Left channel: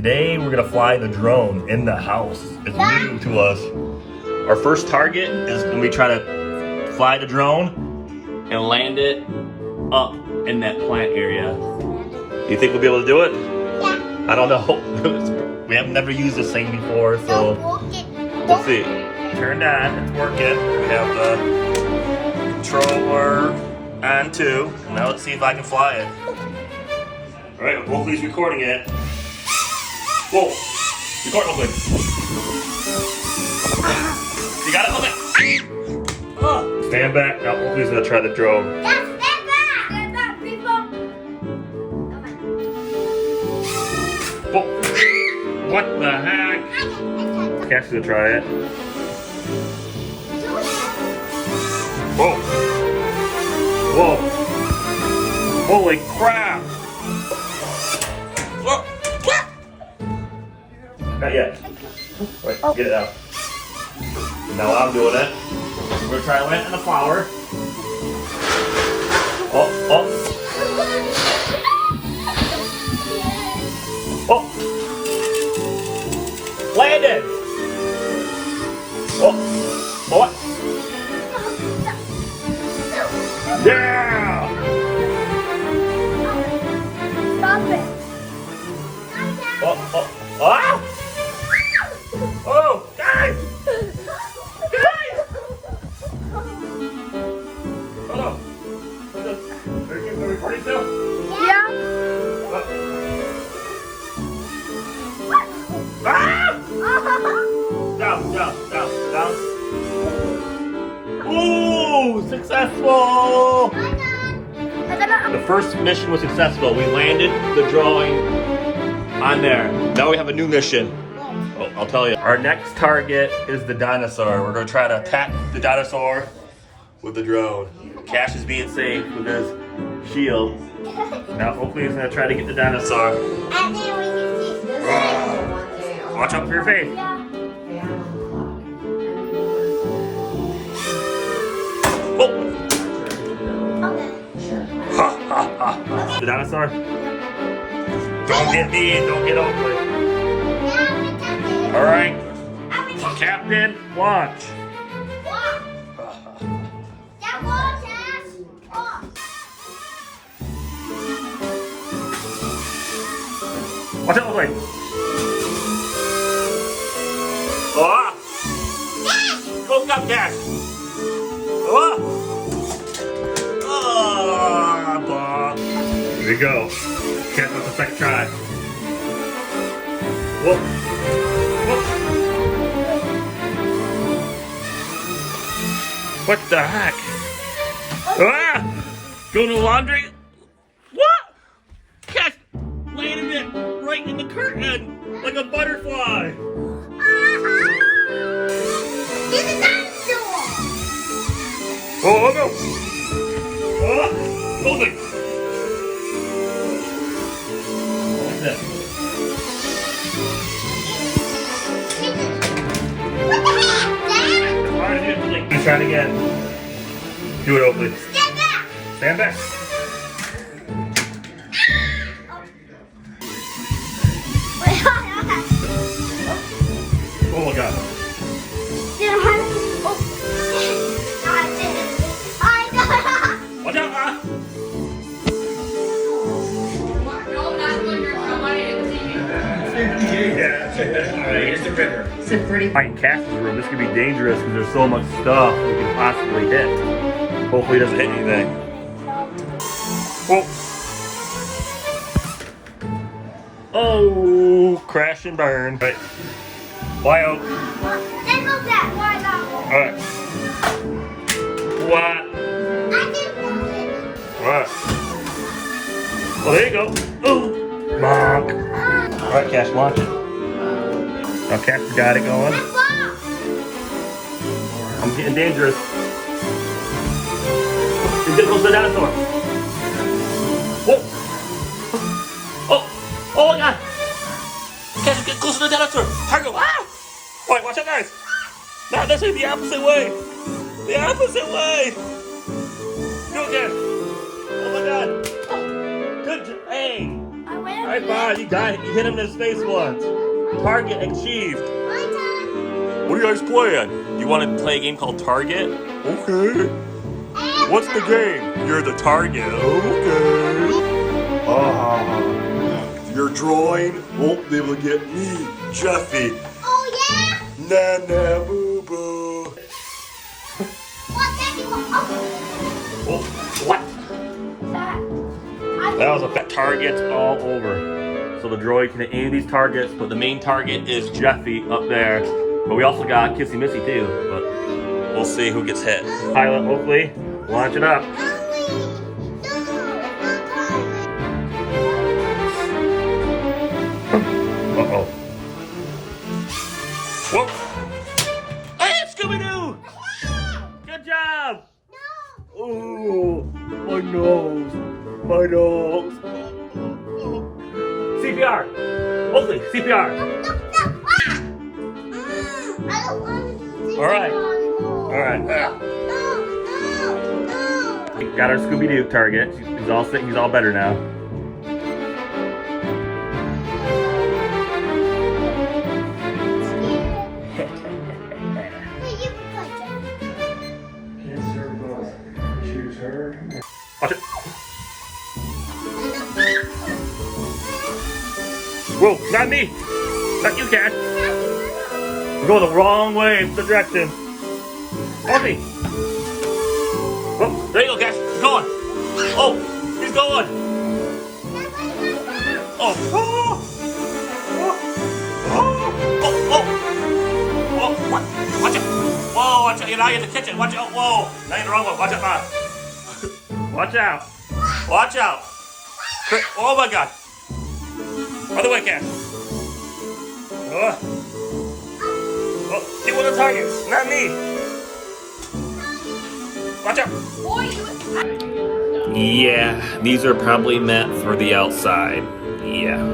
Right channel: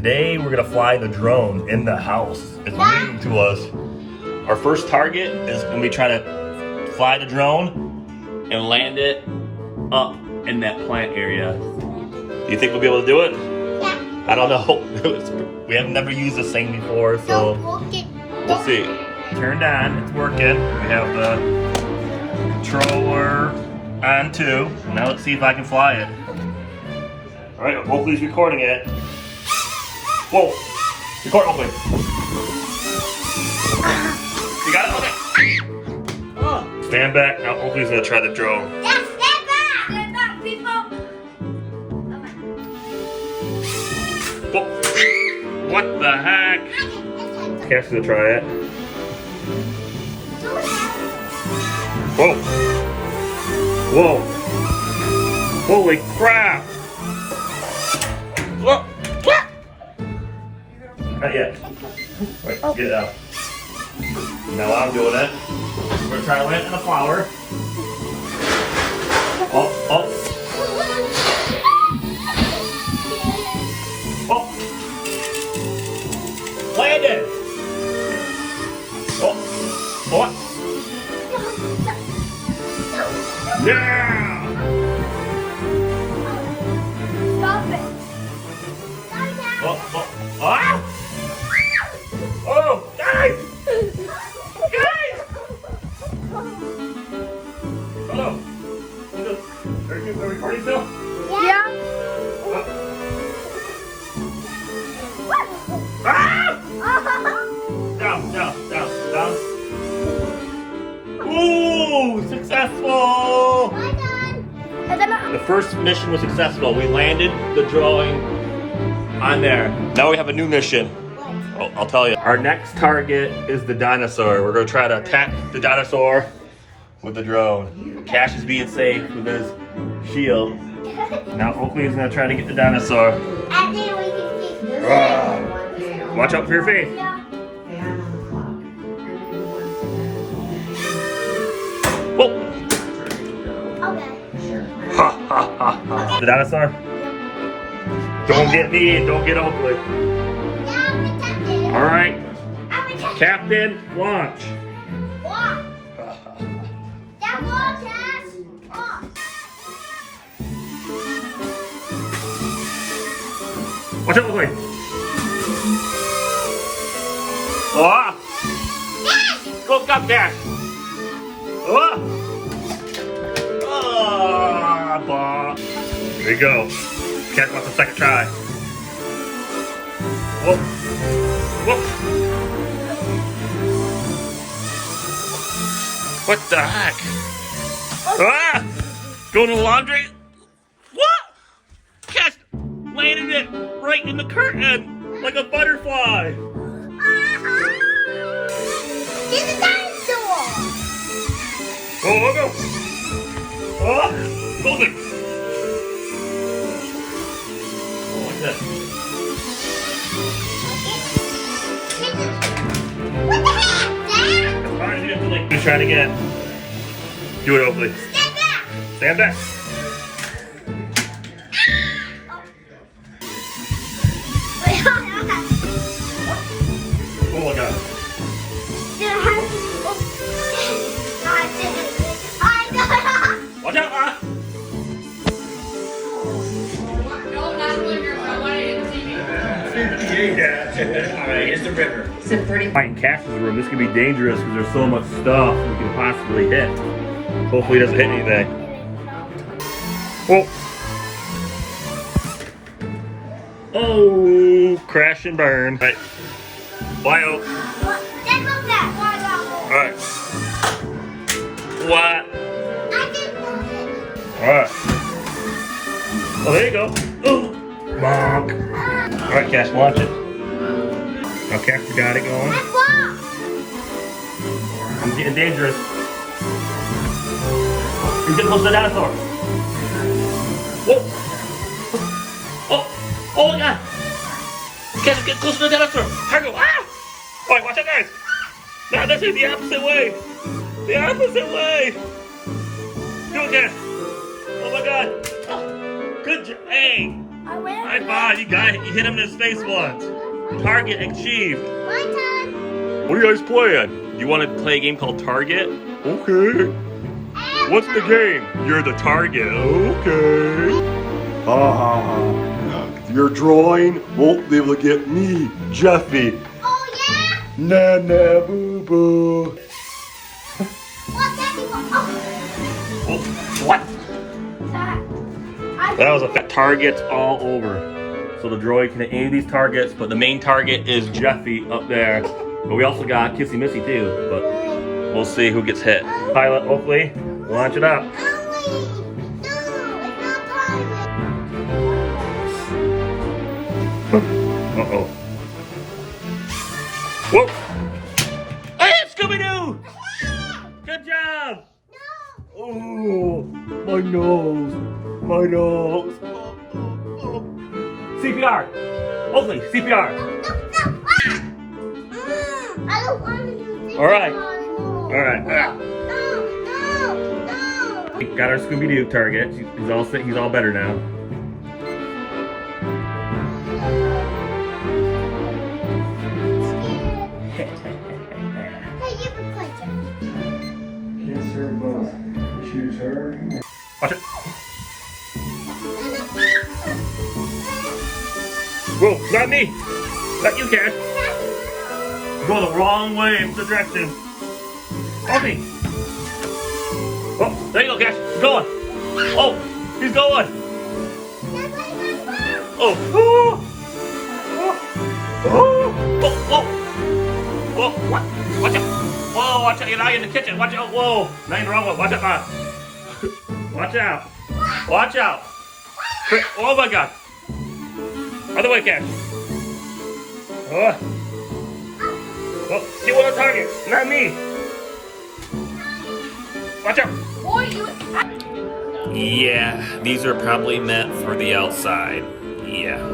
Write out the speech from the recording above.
Today we're gonna fly the drone in the house. It's new to us. Our first target is when we try to fly the drone and land it up in that plant area. Do you think we'll be able to do it? Yeah. I don't know. We have never used this thing before, so we'll see. Turned on, it's working. We have the controller on too. Now let's see if I can fly it. All right, hopefully he's recording it. Whoa, record open. You got it? Okay. Stand back. Now hopefully he's gonna try the drone. Yeah, stand back. Stand back, people. Whoa. What the heck? Cash is gonna try it. Whoa. Whoa. Holy crap. Whoa. Not yet. Right, get it out. Now I'm doing it. We're gonna try to land in a flower. Oh, oh. Oh. Landed. Oh. Oh. Yeah. Stop it. Oh, oh. Ah. Oh, guys! Guys! Hold on. Are you recording still? Yeah. Ah! Down, down, down, down. Ooh, successful! The first mission was successful. We landed the drawing on there. Now we have a new mission. Oh, I'll tell you. Our next target is the dinosaur. We're gonna try to attack the dinosaur with the drone. Cash is being safe with his shield. Now hopefully he's gonna try to get the dinosaur. Watch out for your face. Whoa! Ha ha ha ha. The dinosaur? Don't get me in, don't get Oakley. All right, Captain, launch. Watch out, Oakley. Ah! Go, up, Cash. Ah! Ah, bah. Here we go. Cash wants a second try. Whoa. Whoa. What the heck? Ah! Going to the laundry? What? Cash landed it right in the curtain like a butterfly. He's a dinosaur. Oh, go. Oh, hold it. What's that? Let's try it again. Do it, Oakley. Stand back. Stand back. Oh my God. Watch out, Yeah. All right, here's the river. It's a pretty. In Cass's room, this could be dangerous because there's so much stuff we can possibly hit. Hopefully it doesn't hit anything. Whoa. Oh, crash and burn. All right. Fly out. All right. What? All right. Oh, there you go. Ooh. Bonk. All right, Cass, launch it. Now Cass got it going. I'm getting dangerous. He's getting close to the dinosaur. Whoa. Oh. Oh my God. Cass is getting close to the dinosaur. Cargo. Ah! Wait, watch out, guys. No, that's the opposite way. The opposite way. Do it again. Oh my God. Good job. Hey. I win. High five, you got it. You hit him in his face once. Target achieved. What are you guys playing? You want to play a game called Target? Okay. What's the game? You're the target. Okay. Your drawing won't be able to get me, Jeffy. Oh yeah. Nah, nah, boo boo. What? Daddy? Oh, what? That. That was a targets all over. So the droid can hit any of these targets, but the main target is Jeffy up there. But we also got Kissy Missy too, but we'll see who gets hit. Pilot Oakley, launch it up. Uh-oh. Whoa! Hey, it's Scooby-Doo! Good job! Oh, my nose. My nose. CPR! Oakley, CPR! I don't want to do All right. anymore. All right. No. We got our Scooby-Doo target. He's all sick. He's all better now. Hey, you can play, Jeff. Kids serve both. Choose her. Watch it. Whoa, not me. Not you, Cash. We're going the wrong way. It's the direction. Okay. Whoa, there you go, Cash. He's going. Oh, he's going. Oh. Oh. Oh. Oh. Oh. Whoa. What? Watch out. Whoa, watch out. You're now in the kitchen. Watch out. Whoa. Now you're in the wrong one. Watch out, man. Watch out. Watch out. Oh, my God. Other way, Cash. Oh. Oh, get one on target. Not me. Watch out. Yeah, these are probably meant for the outside. Yeah.